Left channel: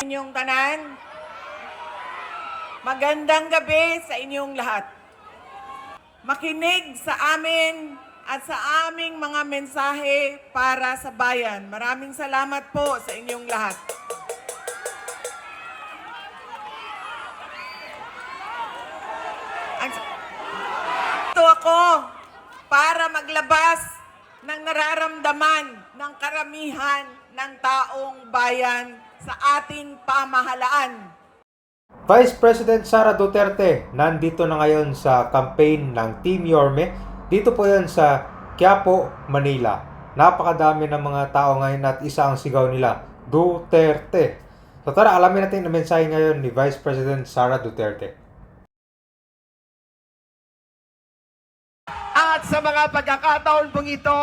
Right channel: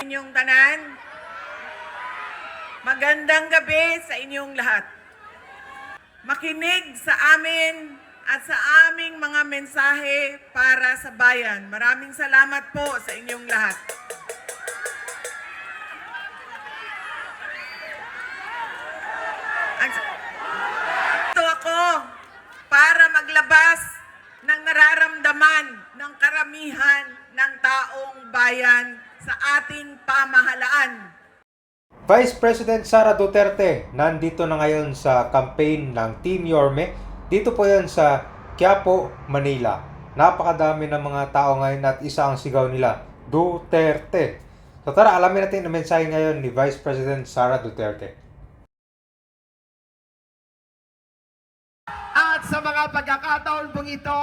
Inyong tanan, magandang gabi sa inyong lahat. Makinig sa amin at sa aming mga mensahe para sa bayan. Maraming salamat po sa inyong lahat. Ito ako para maglabas ng nararamdaman ng karamihan ng taong bayan sa ating pamahalaan. Vice President Sara Duterte nandito na ngayon sa campaign ng Team Yorme. Dito po yan sa Quiapo, Manila. Napakadami ng mga tao ngayon at isa ang sigaw nila, Duterte. So tara, alamin natin ang mensahe ngayon ni Vice President Sara Duterte. At sa mga pagkakataon pong ito,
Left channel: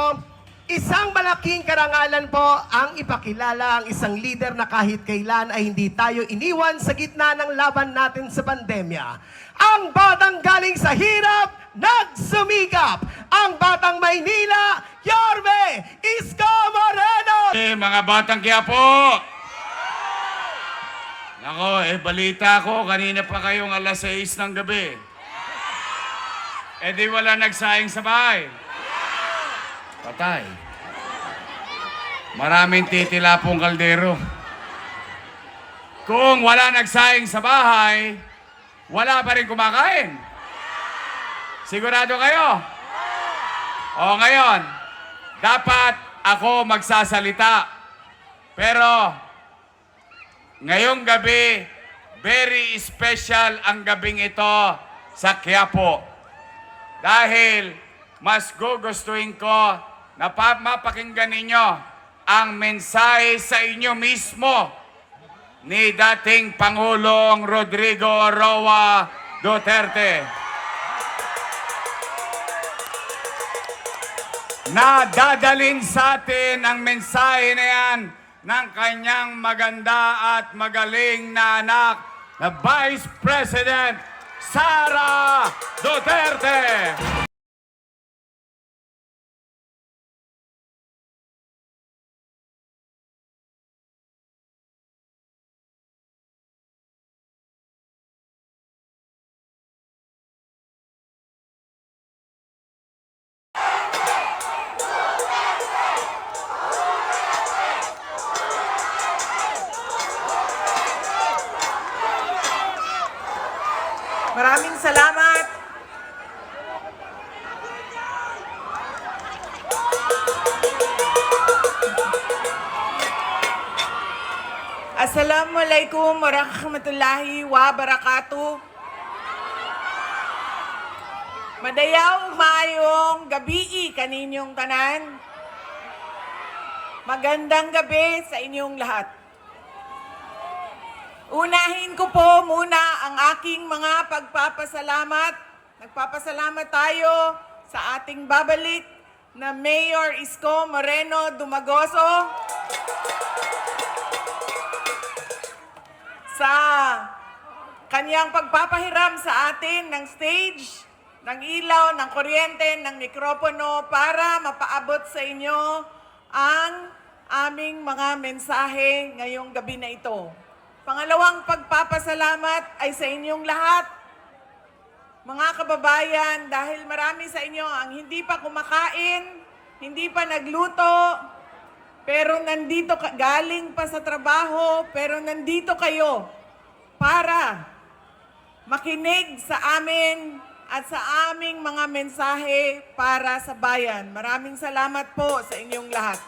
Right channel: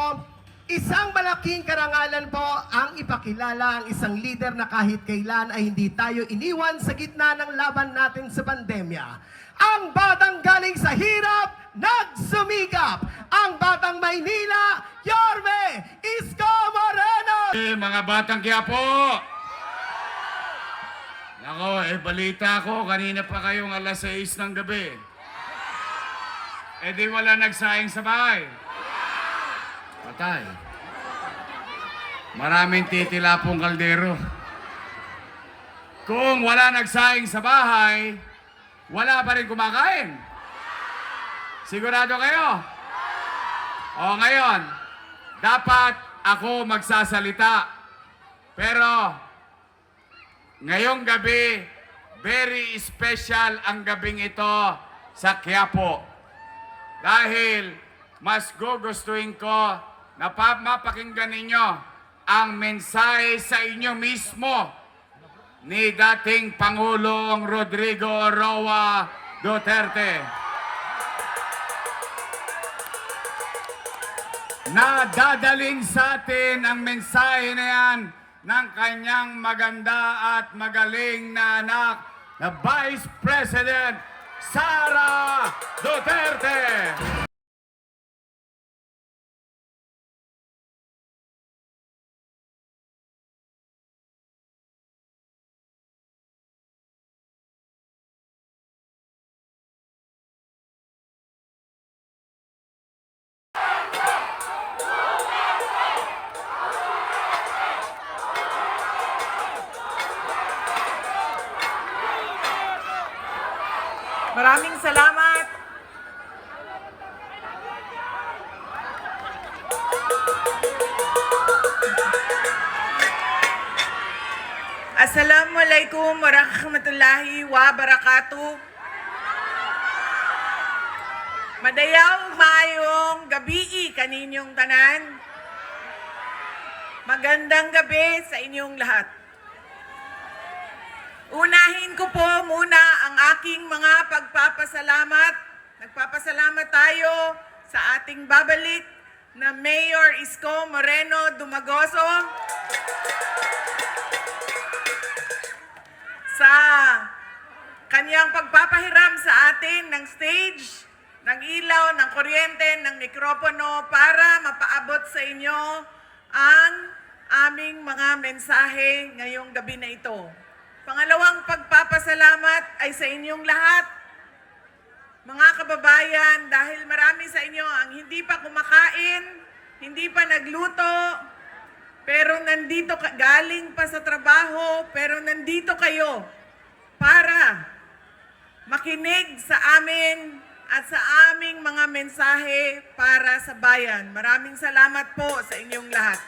isang malaking karangalan po ang ipakilala ang isang leader na kahit kailan ay hindi tayo iniwan sa gitna ng laban natin sa pandemya. Ang batang galing sa hirap, nagsumikap. Ang batang Maynila, Yorme Isko Moreno! Mga batang Quiapo! Nako, balita ko, kanina pa kayong alas 6 ng gabi. Di wala nagsaing sa bahay. Patay. Maraming titilapong kaldero. Kung wala nagsaing sa bahay, wala pa rin kumakain. Sigurado kayo? O ngayon, dapat ako magsasalita. Pero ngayong gabi, very special ang gabing ito sa Quiapo. Dahil mas gugustuhin ko na mapakinggan ninyo ang mensahe sa inyo mismo ni dating Pangulong Rodrigo Roa Duterte. Na dadalhin sa atin ang mensahe na yan ng kanyang maganda at magaling na anak na Vice President Sara Duterte. Maraming salamat. Assalamualaikum warahmatullahi wabarakatuh. Madayaw maayong gabi kaninyong tanan. Magandang gabi sa inyong lahat. Unahin ko po muna ang aking mga pagpapasalamat. Nagpapasalamat tayo sa ating babalik na Mayor Isko Moreno Dumagoso sa kanyang pagpapahiram sa atin ng stage, ng ilaw, ng kuryente, ng mikropono para mapaabot sa inyo ang aming mga mensahe ngayong gabi na ito. Pangalawang pagpapasalamat ay sa inyong lahat, mga kababayan, dahil marami sa inyo ang hindi pa kumakain, hindi pa nagluto, pero nandito galing pa sa trabaho, pero nandito kayo para makinig sa amin at sa aming mga mensahe para sa bayan. Maraming salamat po sa inyong lahat.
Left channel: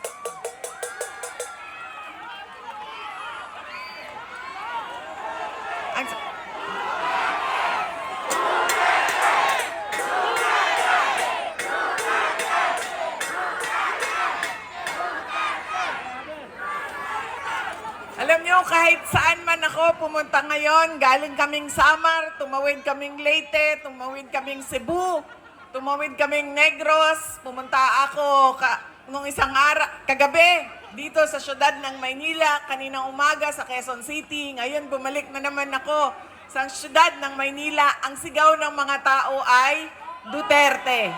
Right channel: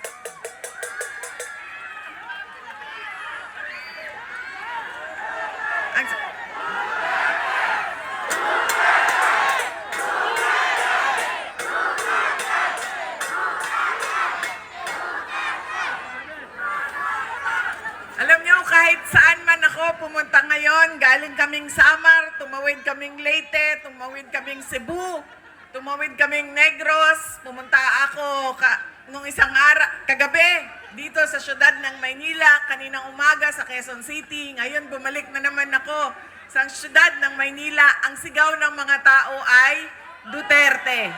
Alam nyo, kahit saan man ako pumunta ngayon, galing kaming Samar, tumawid kaming Leyte, tumawid kaming Cebu, tumawid kaming Negros, pumunta ako nung isang kagabi dito sa syudad ng Maynila, kaninang umaga sa Quezon City. Ngayon bumalik na naman ako sa syudad ng Maynila. Ang sigaw ng mga tao ay Duterte.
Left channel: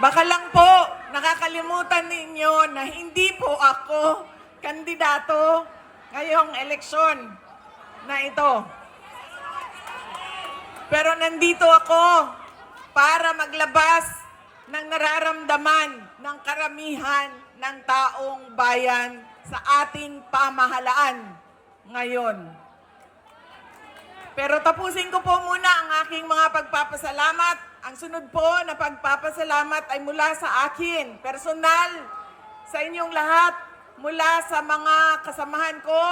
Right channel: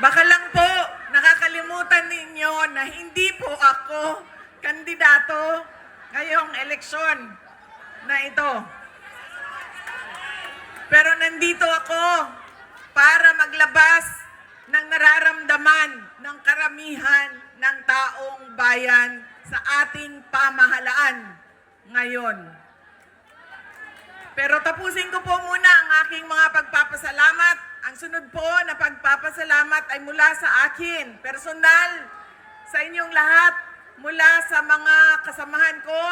Baka lang po, nakakalimutan ninyo na hindi po ako kandidato ngayong eleksyon na ito. Pero nandito ako para maglabas ng nararamdaman ng karamihan ng taong bayan sa ating pamahalaan ngayon. Pero tapusin ko po muna ang aking mga pagpapasalamat. Ang sunod po na pagpapasalamat ay mula sa akin, personal, sa inyong lahat, mula sa mga kasamahan ko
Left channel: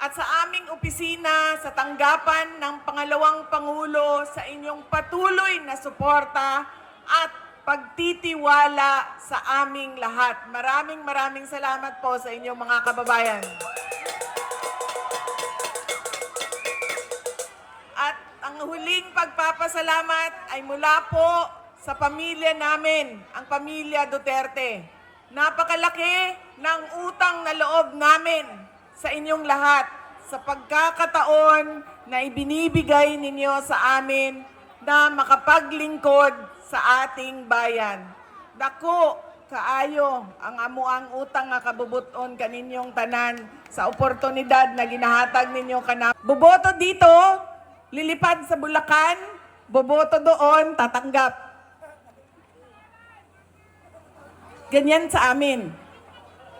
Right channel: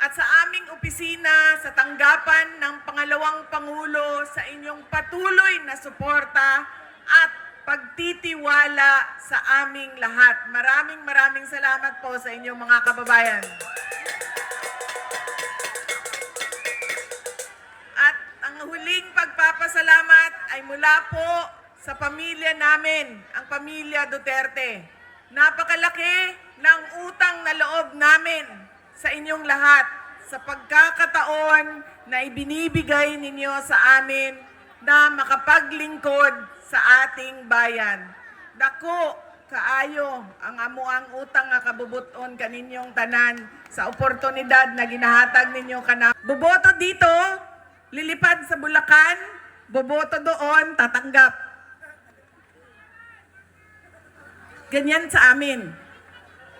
at sa aming opisina sa tanggapan ng pangalawang Pangulo sa inyong patuloy na suporta at pagtitiwala sa aming lahat. Maraming salamat po sa inyong mga kababayan. At ang huling pagpapasalamat ay mula po sa pamilya namin, ang pamilya Duterte. Napakalaki ng utang na loob namin sa inyong lahat sa pagkakataon na ibinibigay ninyo sa amin na makapaglingkod sa ating bayan. Dako, kaayo, ang amuang utang nga kabubuton kaninyong tanan sa oportunidad na ginahatag ninyo kana. Boboto dito, lilipad sa Bulacan, boboto doon, tatanggap. Ganyan sa amin.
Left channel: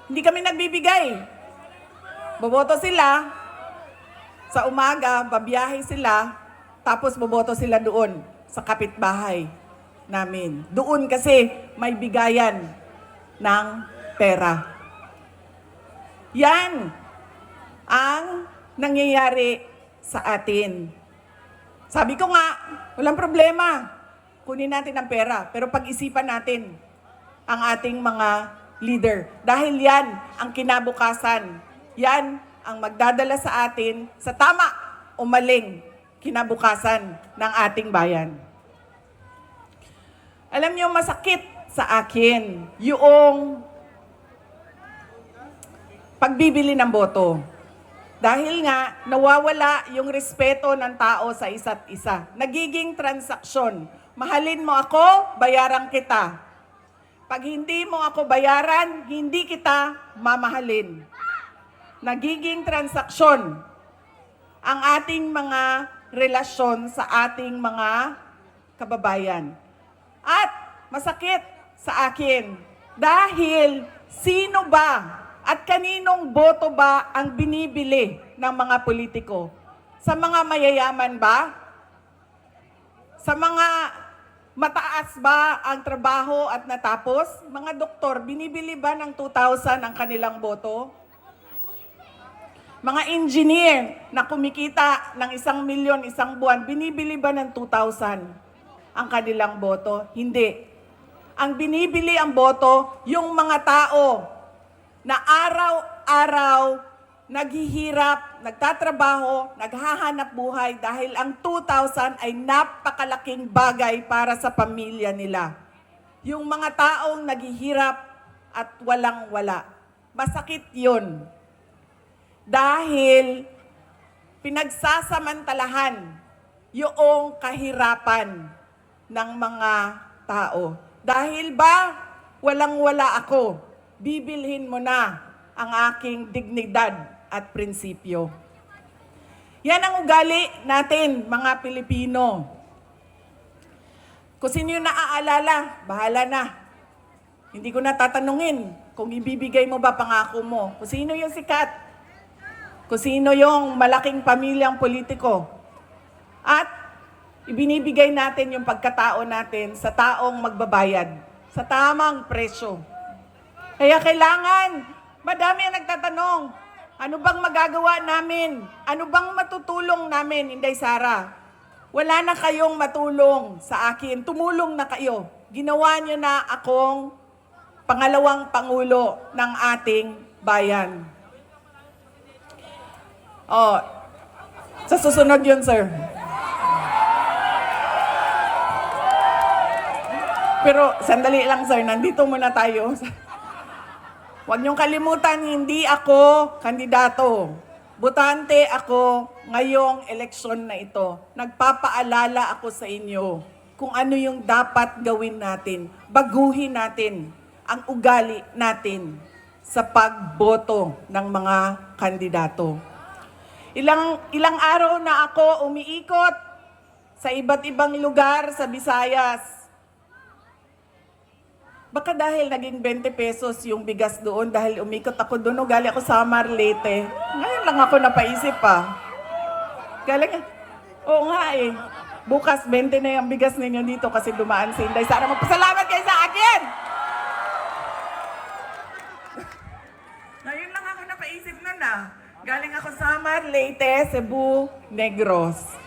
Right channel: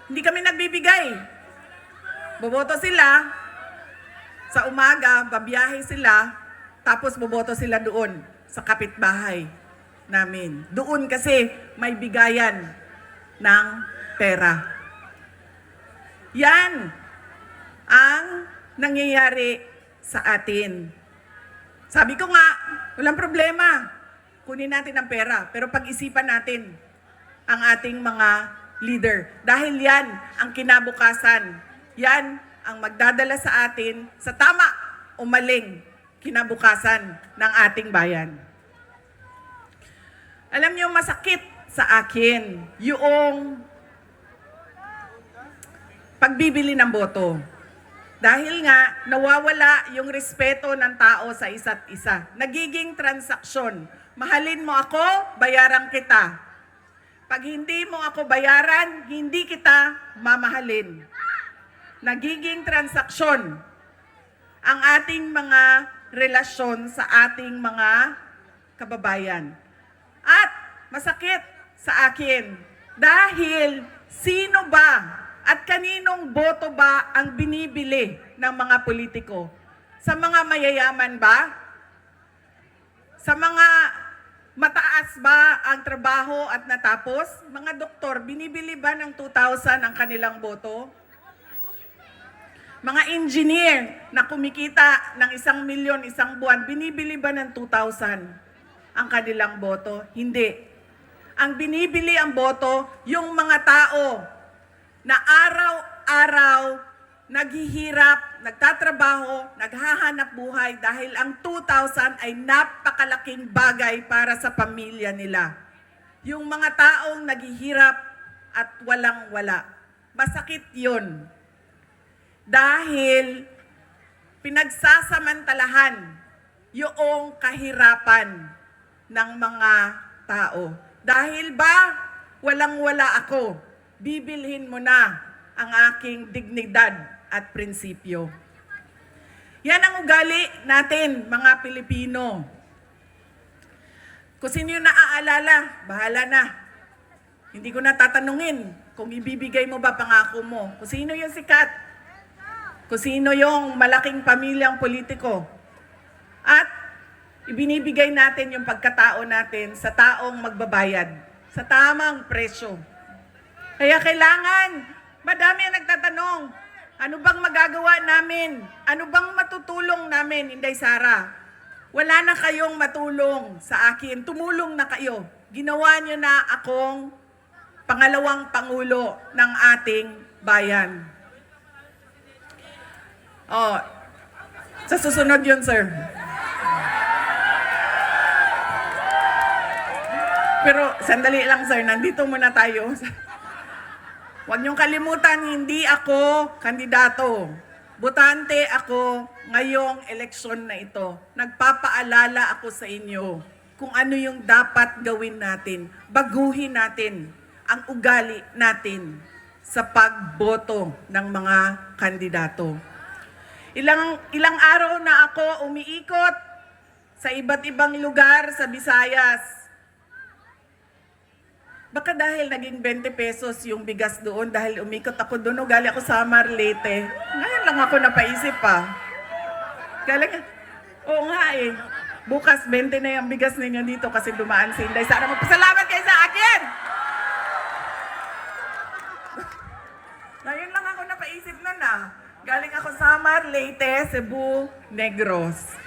Hindi kami nagbibigay. Boboto sila, sa umaga, babiyahe sila, tapos boboto sila doon sa kapitbahay namin. Doon kasi may bigayan ng pera. Yan ang nangyayari sa atin. Sabi ko nga, walang problema. Kunin natin ang pera, pero pag-isipan natin ang ating mga leader. Dahil yan ang kinabukasan. Yan ang magdadala sa atin sa tama o maling kinabukasan ng ating bayan. Alam niyo, masakit sa akin yung pagbibili ng boto. Dahil nga, nawawala yung respeto ng tao sa isa't isa. Nagiging transaksyon. Mahalin mo ako, bayaran kita. Pag hindi mo ako bayaran, hindi kita mamahalin. Nagiging transaksyon ang ating mga relasyon sa ating mga kababayan. At masakit sa akin dahil sino ba at kaninong boto ba ang binibili ng mga politiko? Sa mga mayayaman ba? Sa mga mataas ba ang trabaho at natapos? Mga doktor, binibili ba ng 2,000 ang kanilang boto? Mga engineer na kumikita ng 1 milyon isang buwan, binibili ba ng 2,000 ang kanilang boto? Hindi. Ang binibili ang boto, yung mga tao na araw-araw naghihirap, nagtatrabaho, naghahanap buhay dahil ang 2,000 ay napakalaking bagay para sa pamilya nila. Yung mga taong naghihirap at walang-wala. Masakit yun. Dahil pinagsasamantalahan yung kahirapan ng mga tao. Dahil ba walang-wala ako, bibilhin mo na ang aking dignidad at prinsipyo. Yan ang ugali natin, mga Pilipino. Kung sino yung naaalala, bahala na. Hindi ko na tatanungin kung ibibigay mo ba pangako mo. Kung sino yung sikat. Kung sino yung malaking pamilyang politiko. At ibinibigay natin yung pagkatao natin sa taong magbabayad. Sa tamang presyo. Kaya kailangan, madami ang nagtatanong, ano bang magagawa namin? Ano bang matutulong namin, Inday Sara? Wala na kayong matulong sa akin. Tumulong na kayo. Ginawa nyo na akong pangalawang Pangulo ng ating bayan. Oh, sa susunod yun, sir. Pero sandali lang, sir. Nandito muna tayo. Huwag niyong kalimutan, hindi ako kandidato. Botante ako ngayong eleksyon na ito. Nagpapaalala ako sa inyo. kung ano yung dapat gawin natin. Baguhin natin ang ugali natin sa pagboto ng mga kandidato. Ilang araw na ako umiikot sa iba't ibang lugar sa Visayas. Baka dahil naging 20 pesos yung bigas doon, dahil umikot ako doon, galing ako sa Leyte. Ngayon lang ako napaisip pa. Oo nga eh. Bukas 20 na yung bigas ninyo dito kasi dumaan si Inday. Sana magpasalamat kayo sa akin! Ngayon lang ako napaisip na. Galing ako sa Leyte, Cebu, Negros.